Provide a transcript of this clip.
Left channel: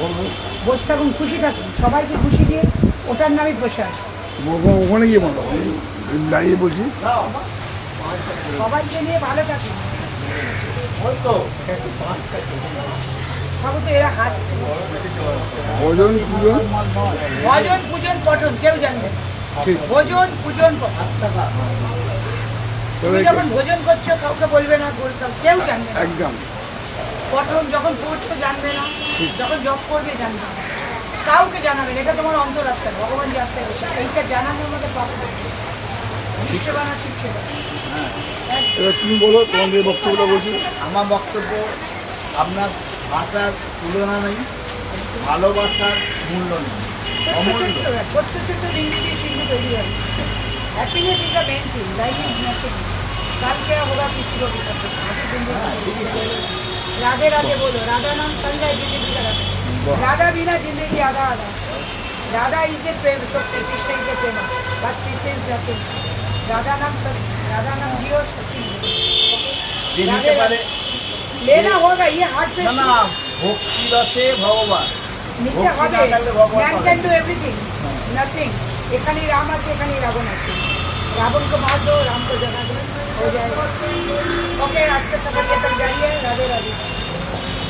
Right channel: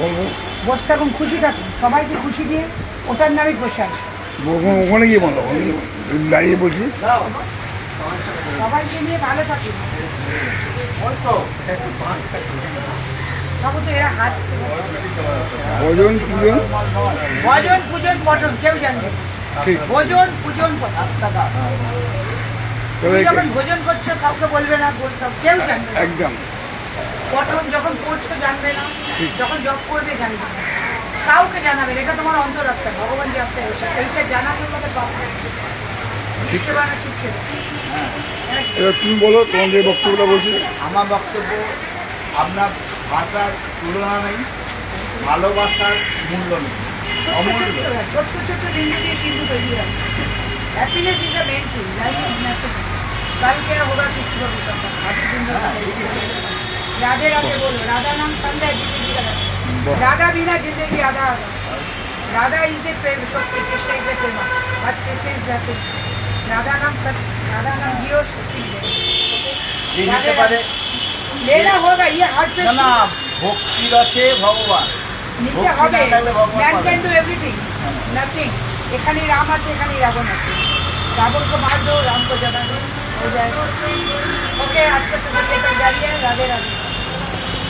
বলবো বসে থাকুন, খুশি থাকুন, সবাইকে খুশি দিয়ে ওটার নামই প্রসাদ। ওখানে গিয়ে বলবো, দাঁড়িয়ে বলছি সবাইকে নিয়ে ভালো থাকুন। তখন তো এরা হাসছে। ভজন পূজন ভজন পূজন পঠন কেউ জানবে না। ঠিক ভোজন পূজন পঠন। তুমি তবে যখন ভোজন করছো কাউকে বলবে না, কেউ জানবে না। একদম পঠন যখন পড়ছো জানবে না, যখন জপ করবে জানবে না, কাউকে জানাবে না। এটা তোমার অন্তরাত্মা, ভগবান যে আত্মা, এইটা জানানোর মধ্যে পাপ সেবা না ঠিক সেবা। এবার তুমি বলো তোমার যে বক্তব্যটা বলছি। আমার বক্তব্য, আপনার ভাষার তুলনা নেই, ভালোবাসার মূল্য নেই, অমূল্য। ছোট্ট ছোট্ট বিন্দু দিয়ে সিন্ধু তৈরি হয়। Happiness is the main thing, life is nothing. কাল क्या होगा किसी को भी पता नहीं। अभी सुंदर राधे राधे बोलो, राधा नाम संग है जिंदगी का, राधा बिना जिंदगी आधा आधा। राधा इज द प्रेम, सब Shri Krishna is the Prem, but this is nothing. Radha नाम सत्य, राधा नाम जियो, शक्ति যে নিতে পারে, लेना होगा, ये हार्ट पे না না, ভক্তি রসে ভগবান। নিতে ভক্তি হবে। না থাকলে ভগবান ম্যান পাবে ক্যান না। Do everything, nothing. এখানেই রাম আছে, এখানেই রাবণ আছে। रावण को मार दो, राम को जगा दो, हो जाएगा। ओके, आज का सफर ये तक जारी है। राधे राधे।